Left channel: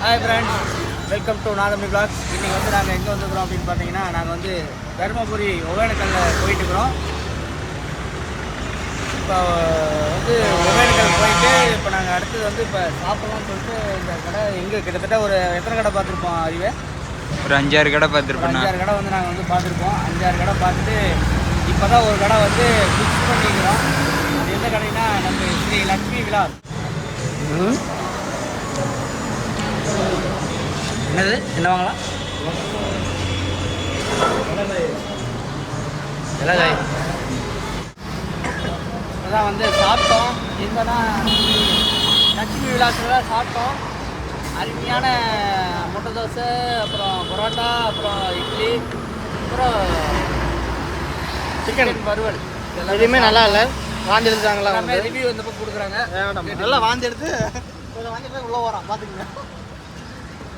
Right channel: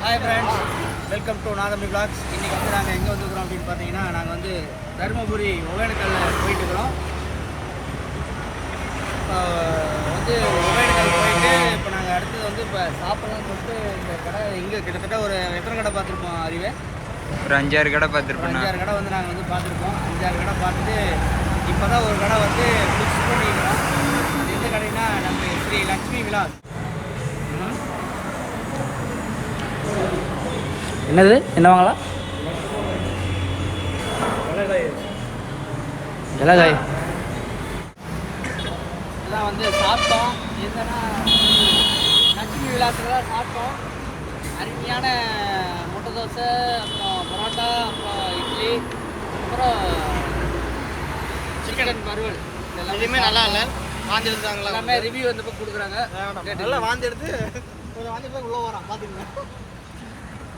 Hi friends, welcome to Nathamani vlogs. இன்றைக்கி வந்து நாங்கள் எங்கே வந்துருக்குறோம் அப்படின்னு பார்த்தீங்கன்னா, நாங்கள் வந்து தருமபுரி ஒகேனக்கல்லில் போயிட்டுருக்குறோம். இப்போ வந்து ஒகேனக்கல் போயிட்டு இப்போ நாங்கள் அடுத்தது வந்து இப்போ சாப்பிட்லாம்னு சொல்லிட்டு இந்த கடை இங்கே கிட்டத்தட்ட ஒரு எத்தனை கடை பார்த்துருப்போம் அறிவே? ஒரு 5-6 கடை பார்த்துருப்போம். 5-6 கடை வந்து நாங்கள் வந்து பார்த்துருப்போம். 5-6 கடை பார்த்துட்டு இப்போ தான் ஒரு கடை வந்து ஃபிக்ஸ் பண்ணிக்கிறோம். அது எந்த கடைன்னா நம்ம ஸ்ரீ லக்ஷ்மி விலாஸ். என்னது என்ன வாங்கலாம்? அதான் வந்து சாப்பிட்டோம். எங்கன்னா லட்சுமி விலாஸில் தான் சாப்பிட்டோம். அருமையான முட்டை தோசை, அப்புறம் பரோட்டா, அப்புறம் இட்லி, அப்புறம் சிக்கன் வறுவல். எதுவுமே நல்லா இல்லை. வாந்தி எடுத்தாங்களா? எல்லாமே ரிவ்யூ வந்தப்போ கொடுக்குறாங்க. நல்லா வாந்தி எடுத்து கொஞ்சம் வாந்தி எடுத்து உள்ளே வரோம் பார்த்துக்குங்க.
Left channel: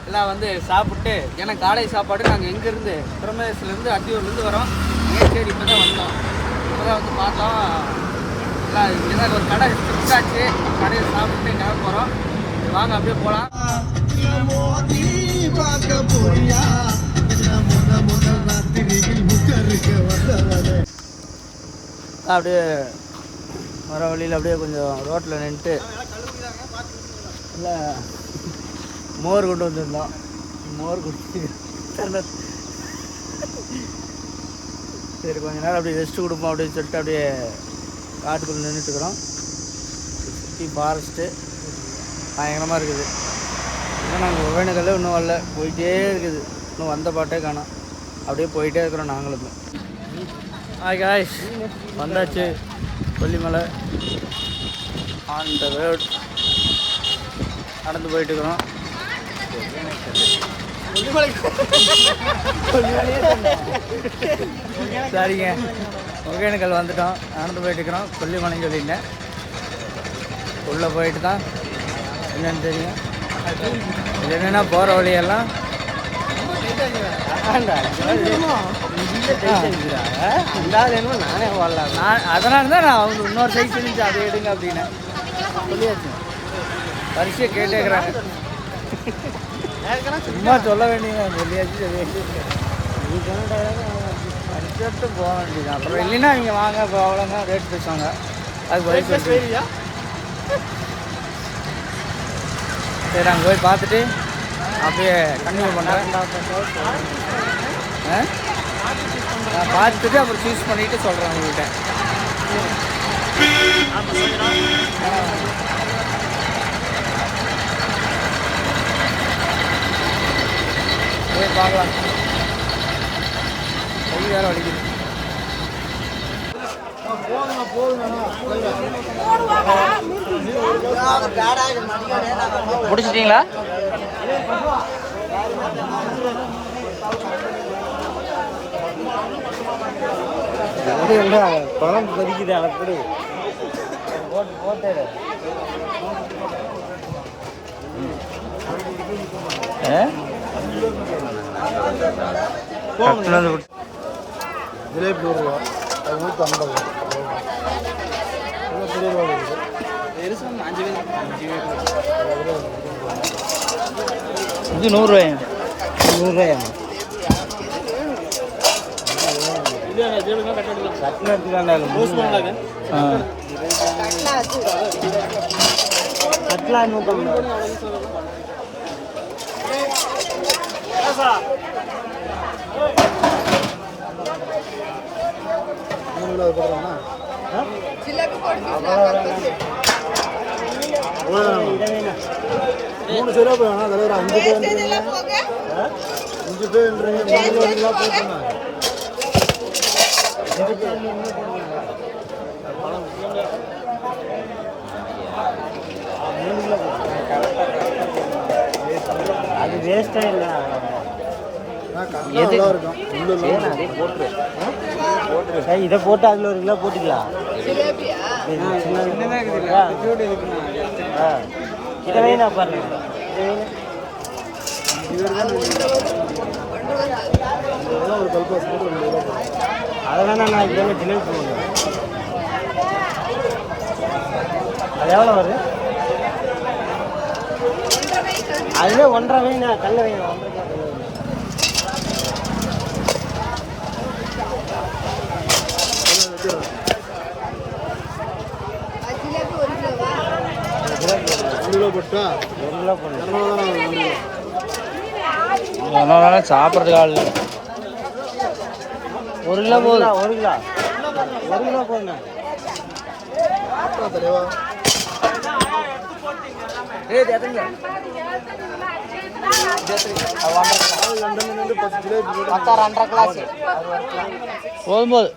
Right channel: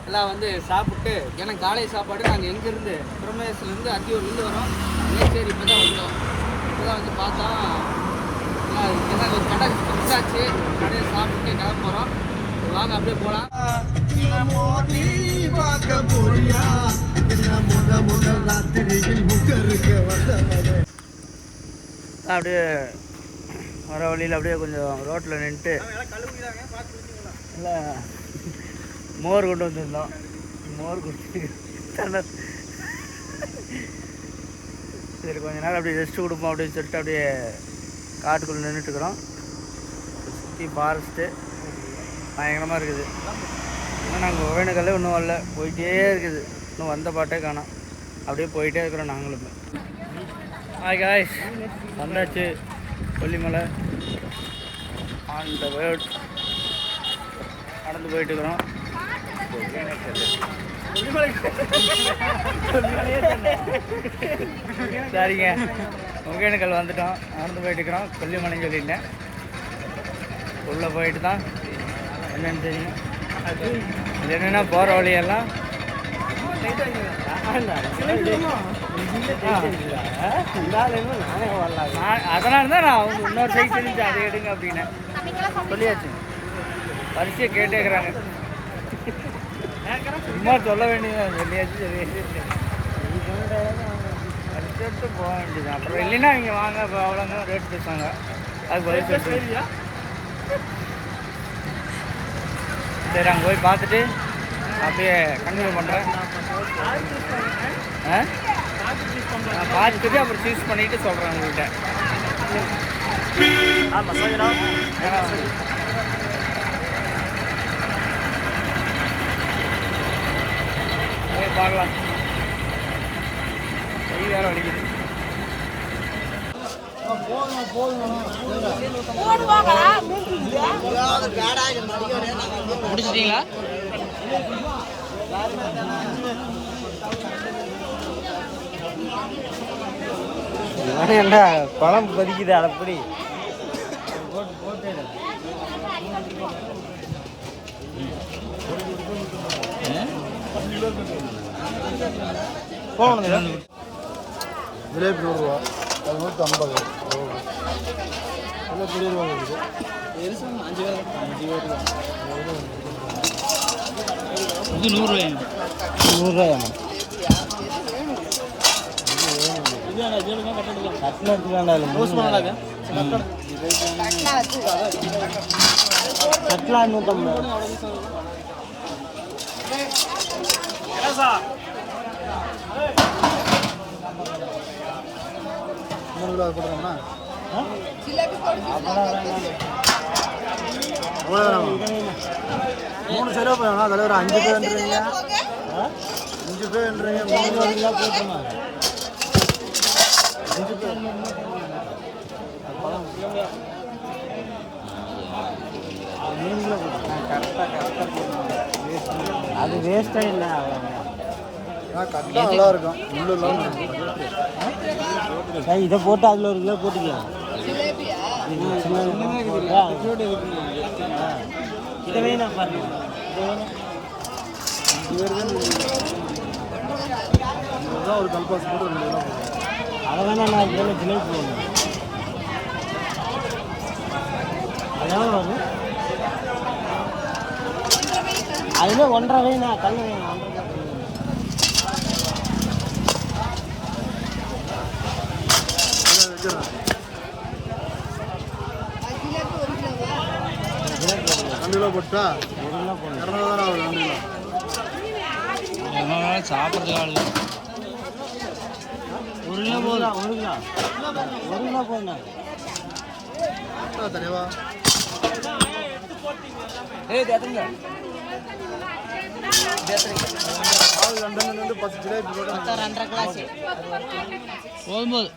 எல்லாம் வந்து சாப்பிட்டு, ஏன்னா காலை சாப்பாடு நாங்கள் எங்கேருந்து பிரமேஸ்லேருந்து அத்தியூர்லேருந்து வரோம். மேச்சேரி இப்போ தான் வந்தோம். இப்போ தான் வந்து பார்த்தோம். எல்லாம் இங்கே தான் ஒரு கடை ஃபிக்ஸ் ஆச்சு. கடையை சாப்பிட்டு கிளம்ப போகிறோம். வாங்க அப்படியே போகலாம். அப்படியே வர வழியில் அப்படியே கொஞ்சம் ரோட்டில் நின்றுட்டு இல்லை மோர் கொண்டு வந்துருந்தோம். மோர் குடிச்சு சரி கொஞ்ச நேரம் அப்படியே ரெஸ்ட்டு கொடுப்போம் அப்படின்னு சொல்லிட்டு அப்படியே காட்டுக்குள்ளே நின்றுட்டுருக்குறோம். சுற்றி ஃபாரஸ்ட்டு பயங்கரமாக இருக்குது. இன்னும் நாங்கள் ஒகேனக்கல்லே இன்னும் வரல, போயிட்டே இருக்குது. இன்னும் வந்த பாட்டே காணோம். அப்படியே போயிட்டே இருக்கிறோம் நாங்களும். காய்ஸ் வந்தாச்சு கொல்லிமலை ஆன் த ரோட். நடந்து போயிட்டுருக்குறோம். சரிங்க, ஒகேனக்கல் வந்துட்டோம். நடந்து போயிட்டுருக்குறோம். கொல்லிமலைன்னு சொல்லிட்டேன். உள்ளே போயிட்டு தான் என்னென்னு தெரியும். இது என்னென்னா போகிற வழியெல்லாம் அதனால தான் நான் அவங்க இன்னொரு சைஸ் இருந்துச்சு அதை எடுங்க அப்படின்னு சொல்லியாச்சு. பரிசையை கேட்டேக்கிறாங்க. சும்மா சொல்ல வேண்டியது சொல்லியாச்சு. எடுத்து போக வேண்டியது. அப்புறம் இல்லைன்னா நீங்கள் வாங்க அவ்வளோங்க ரேட் பேசுவாங்க. அது பதில் சொல்லிட்டு சரி அங்கே போய் பார்த்துட்டு அப்படியே கண்டினியூ பண்ணுறேன். நான் பார்த்துட்டு அப்புறம் சூஸ் பண்ணிவிட்டு சொல்கிறேன் உங்கள்கிட்ட. போய் பார்க்கலாம். கை வேற வலிக்குது. முடிச்சிட்டீங்களா? என்ன குழம்பு கொதிக்குது அப்படி போட்டு ஜிலேபி 100 ரூபா, 150. இது 100 ரூபாயா? 100 ரூபாயா? மூணு சிறப்பு அதில் ஒரு 5 பேருன்றீங்க. 5 பேருன்றீங்க போட்டுருங்க. அது வேஸ்டா இல்லை. இதை போட்டு அதில் 1 கிலோ போட்டுக்கலாம். இதை வேணா பாருங்க. இதை வேணும். அதனால நான் இதில் ஜிலேபி போடுவேன். அது எவ்வளோ வருது? அதுவே 1.5 வைங்க கல்ல வைங்க 1.5 கல்ல வைங்க. சாப்பிட்றதுக்கு ஆள் இல்லை. 1 கிலோ போதும். 1 கிலோ 1 கிலோ போதுங்க. போதும்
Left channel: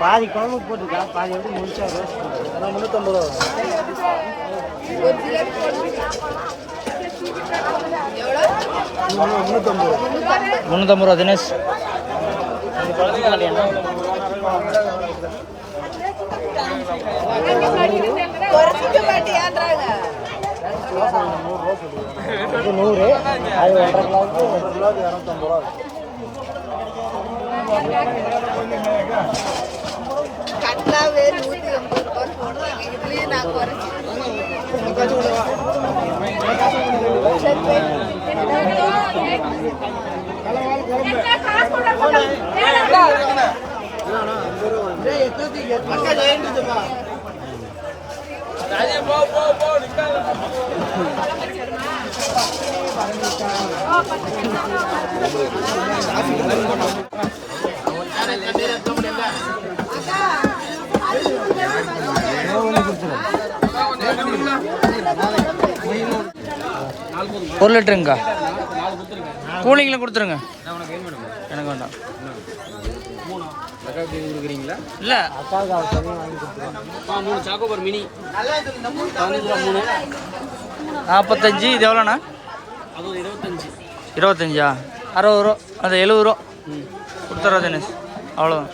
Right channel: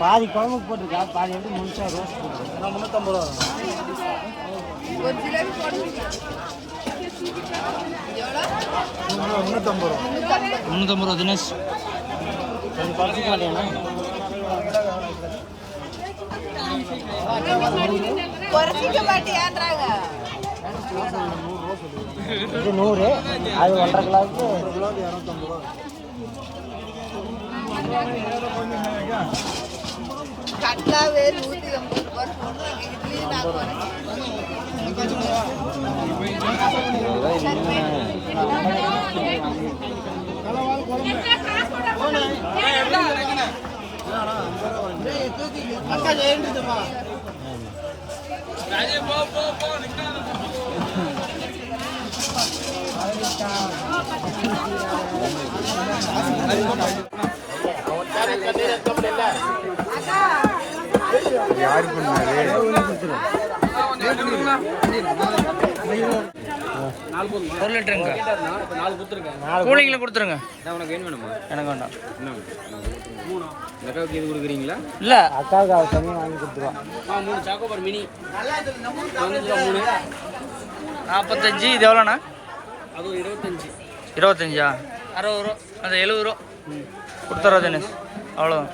பாதி குழம்பு போட்டுருக்கேன், பாதி எப்படி முடிச்சா ரோஸ் போட்டுருக்கேன். 350 ரூபா. 350 ரூபா தினேஷ். இது 100, அது 1.5 கிலோ 250 ரூபா. ஒரு லிட்டருங்க கூலிங்கில் கொடுத்துருங்க. எனக்கு வேண்டாம். இல்லை 45. இது எவ்வளோண்ணா? 25. 60 ரூபா. அது 70 ரூபா கொடுத்துட்றா தினேஷ். அவ்வளோதான்.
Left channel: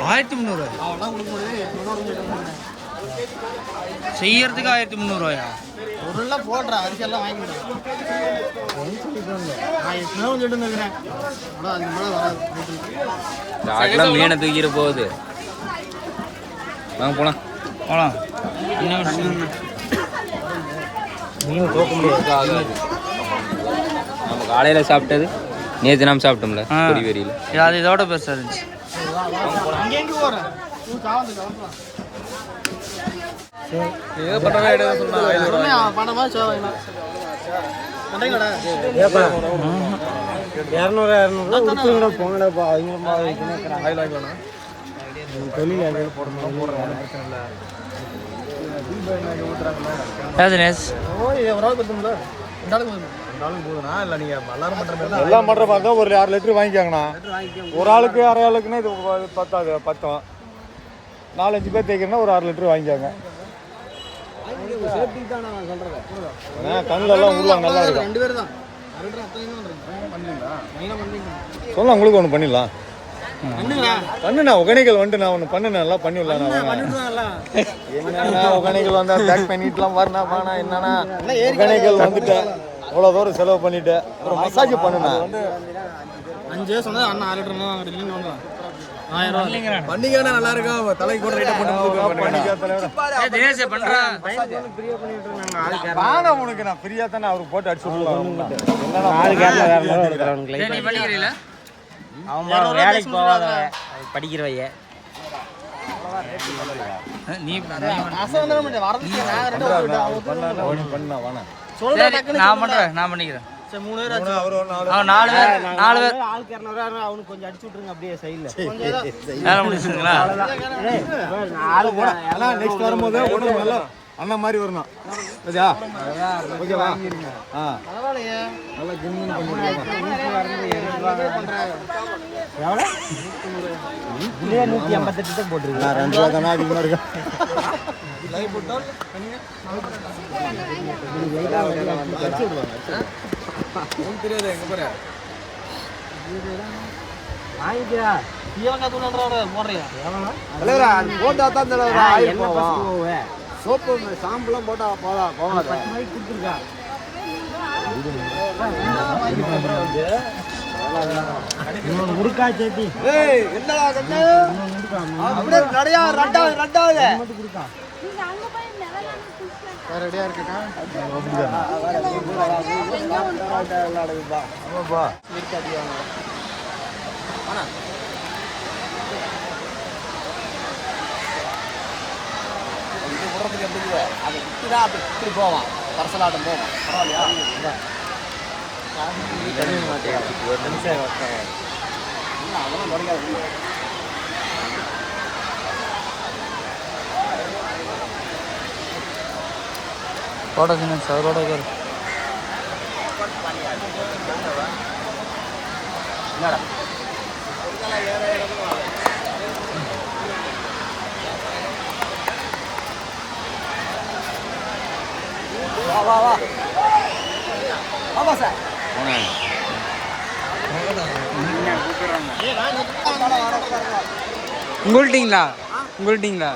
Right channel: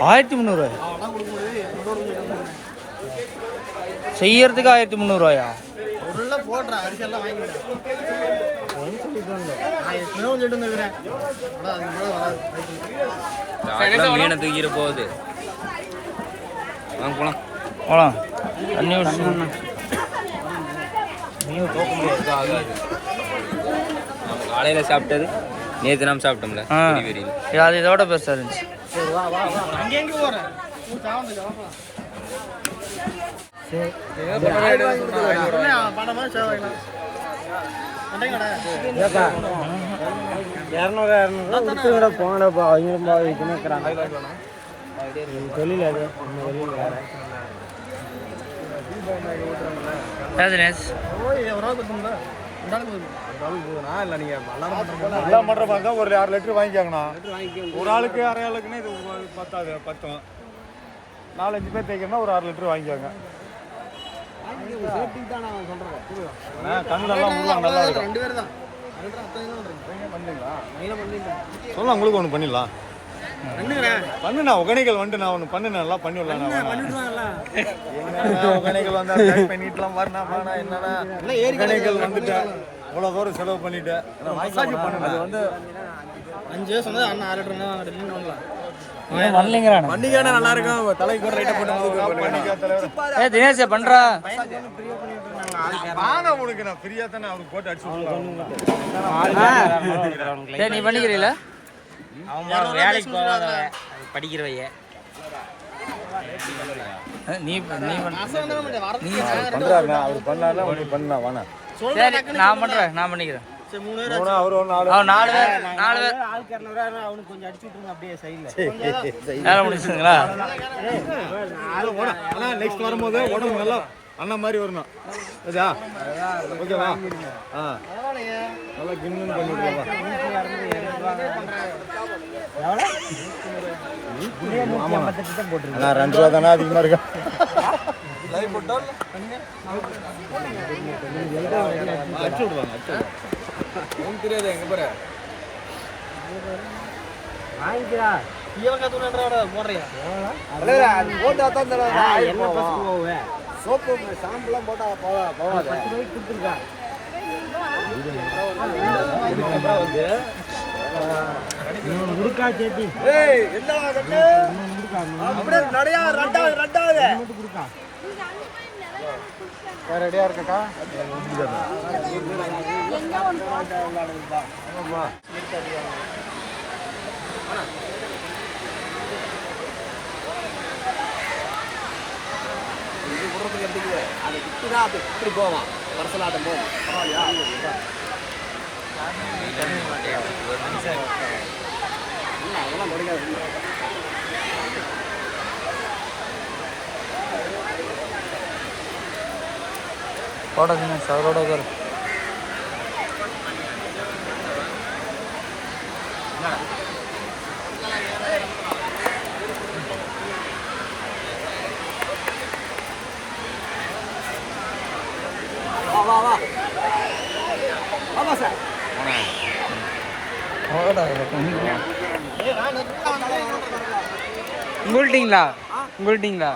1300 செய்யறதுக்கு 1300 போடுறேன். அரிசியெல்லாம் வாங்கிடுறேன். மீனை தூக்கிற போகுது. வாங்க போலாம். போலாம். தண்ணி நம்ம காலையில் சாப்பிட்டது நேற்று நாம் சாப்பிட்டோம்ல வெறியில். அது இதோட பெருசாக இருந்துச்சு. போங்கடாப்பா தொழில் அது தினேஷ். எல்லாம் பண்ற மாதிரி தான் ஒரு 6 லிட்டர் வாங்கிக்காங்கண்ணா. ஒரு ஆளுக்கு அரை ஆளுக்குன்னா இது பத்தாது, 10 4-5 பேர் தேய்க்கணும்னா ஒரு 6 லிட்டர் வாங்கிக்காங்க. சொல்ல உங்களுக்கு ஒன்று பண்ணிடலாம். பண்ணுண்ணா ஒகனைகள் வந்துட்டு நான் ஒன்று பண்ணுனேன், எல்லாம் பண்ணிடலாம். ஒகனைகள் வந்தா பேக் பண்ணிட்டுலாம் வரணும். என்னன்னா ஒகனைகள் வந்துட்டேன், அவ்வளோ தூரம் செலவு பண்ணிட்டேன். மசாஜ் பண்ணுண்ணா. 5 சொன்னா அண்ணா 6 லிட்டர் பண்ணிக்கான நல்லா இருக்கும். தலைக்கு கூட ரேட்டு போட்டு பண்ணிக்கா தலைவர். தினேஷ் பண்றா வாங்க உனக்கு நான் ஃப்ரீயா தானே அவருக்கு போட்டு அடிச்சு விடுவேன். நீ பண்ணிக்கிறீங்களா? அவன் வேலைக்கு போவாதவ படிக்கிறவைய நீ சரி நான் பண்றேன். நான் பண்ணிக்கிறேன். 4 பேர் ஆளுக்கு 200 அவனுக்கு கொஞ்சம் அடிச்சு விட்டுருங்க அப்படியே சைடுல. வேலை முடிச்சுங்களா? ஆனா நெக்ஸ்ட் வரும்போது உடம்பு நல்லா அண்ணன் மாதிரி வரணும். சரியா? ஓகேவா? நல்லா கின்னு பண்ணிடுறோம். போட்டுருக்கேன் 2 ரூபா தானே அதிகமாக இருக்கா? அடிச்சு விடுவாங்க. தெரியாது எங்க பாரு வாங்கிக்கிறா. சோப்பு சாம்பெல்லாம் போட்டா போவாது. 10 ரூபாய்க்கு கொடுத்துருக்கா. முடுக்கா சேர்த்து என்ன அப்படியே நிறையா ரெண்டாவது மட்டும் கொடுக்கா ரெடியா இருக்குக்கா அது விட்டுதான் அப்படி இப்படி போவான் பரசலாட்டம் போவான் फोटो सीने सरोडो कर உங்கள்ட்டீங்களா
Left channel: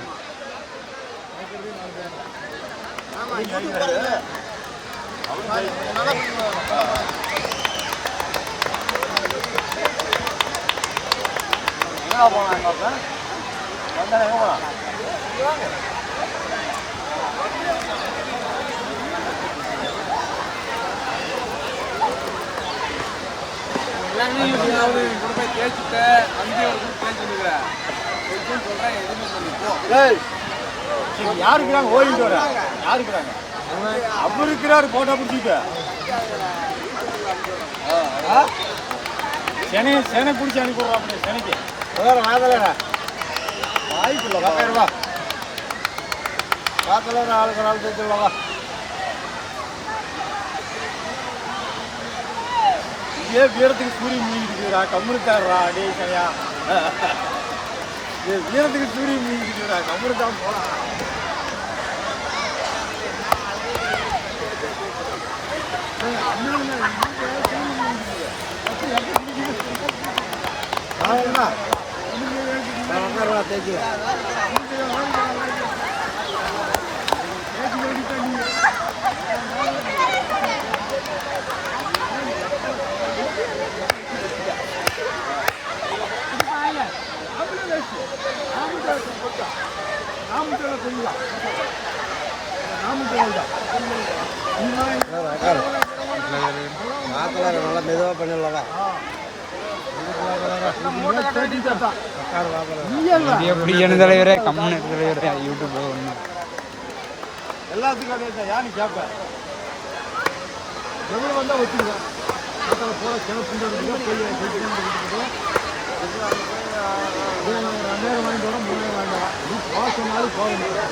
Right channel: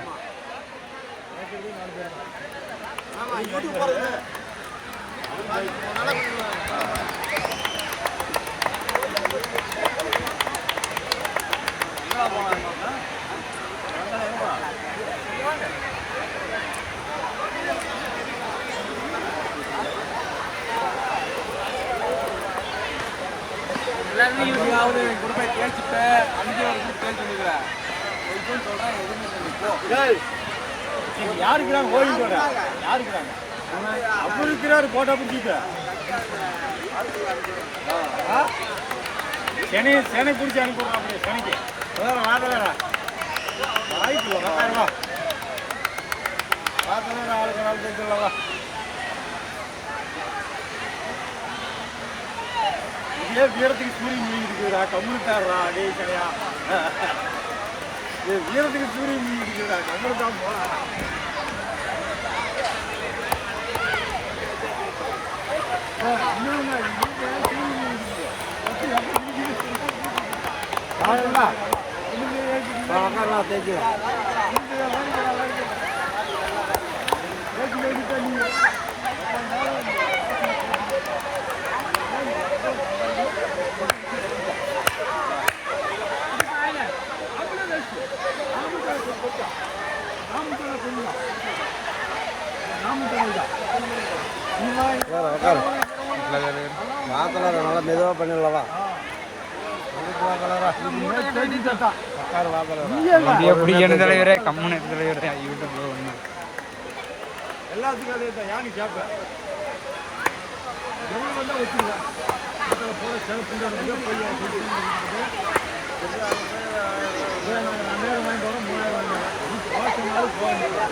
கேள்விட்ட அங்கேயே ஒரு குரூப் கேள்வி சொல்றேன் எதுவுமே யாருக்குறாங்க ஓடிட்டு வர யாருக்குறாங்க அவர் இருக்கிறாரு போட்டோ பிடிச்சிட்டு செனை பிடிச்சி அனுப்பிடுறோம் அப்படியே செனைக்கு வாய்ப்பு இல்லை ரூபா பார்க்கலாம் நாளுக்கு நாள் தூக்கலவா இதே வீரத்துக்கு சூரியன் மீன்டுக்குறா கம்முனுக்காரா அடே சனையா வீரத்துக்கு சூரியன் மீன்டுக்குறா கம்முனுக்காக போனா மெதுவா பண்ணலவா தலைவரே கம்முன்னு தலைவரே யூடியூப் ஒன்றும் எல்லாத்துக்கும் அதே தான் யானு கேட்பேன் எவ்வளோ வந்தால் ஒத்துக்குவேன் அதில் போகிற செலவு நாங்கள் 2000 வாங்கிட்டு வரோம் 3000 வாங்கிட்டு வரோம் நீ போக சொன்னாலும் போக முடியாது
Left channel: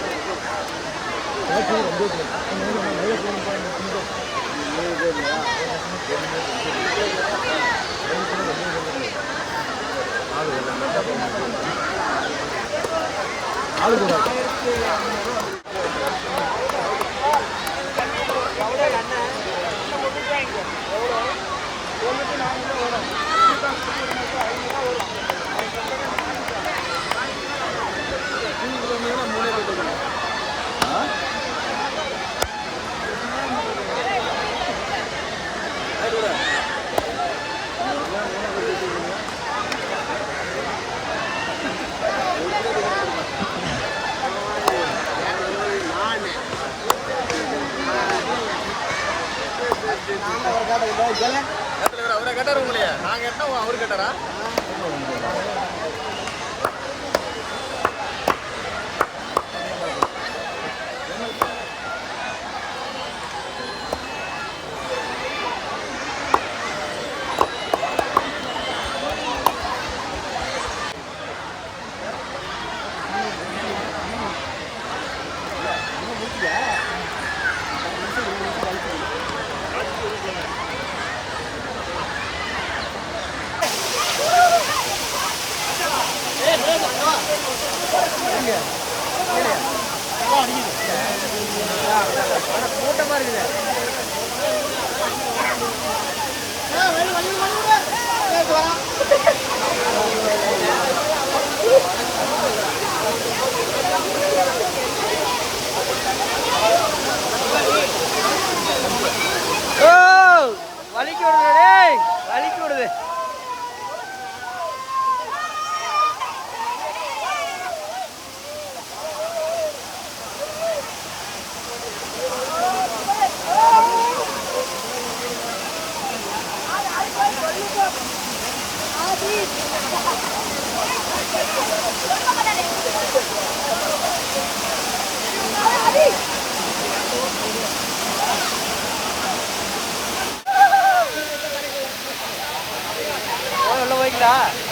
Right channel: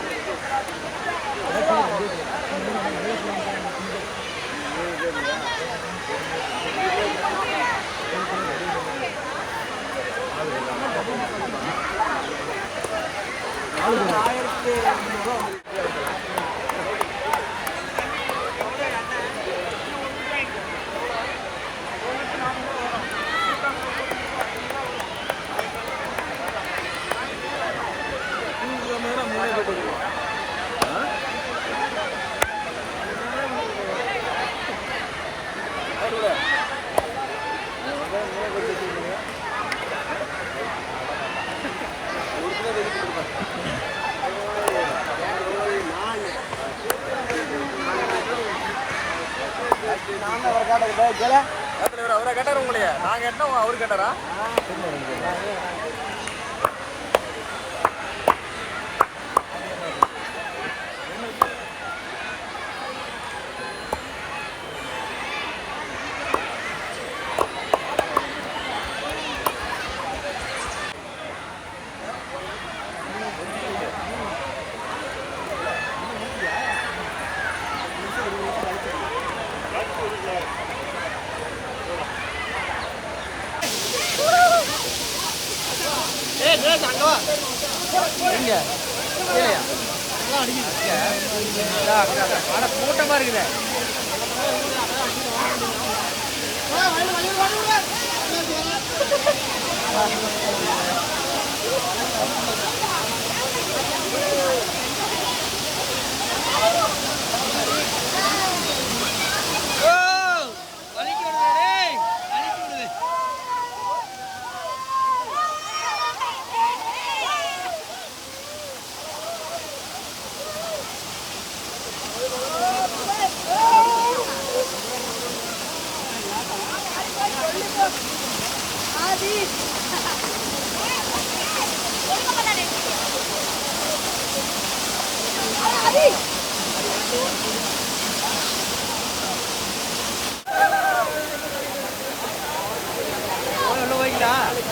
அவரை கேட்டார் உங்களையா நாங்கள் என்ன அவரு கேட்டாரா கூட்டமா இருக்குது வலிக்கு விடுது வலிக்கு விடுது உள்ள போய்க்கலாம்.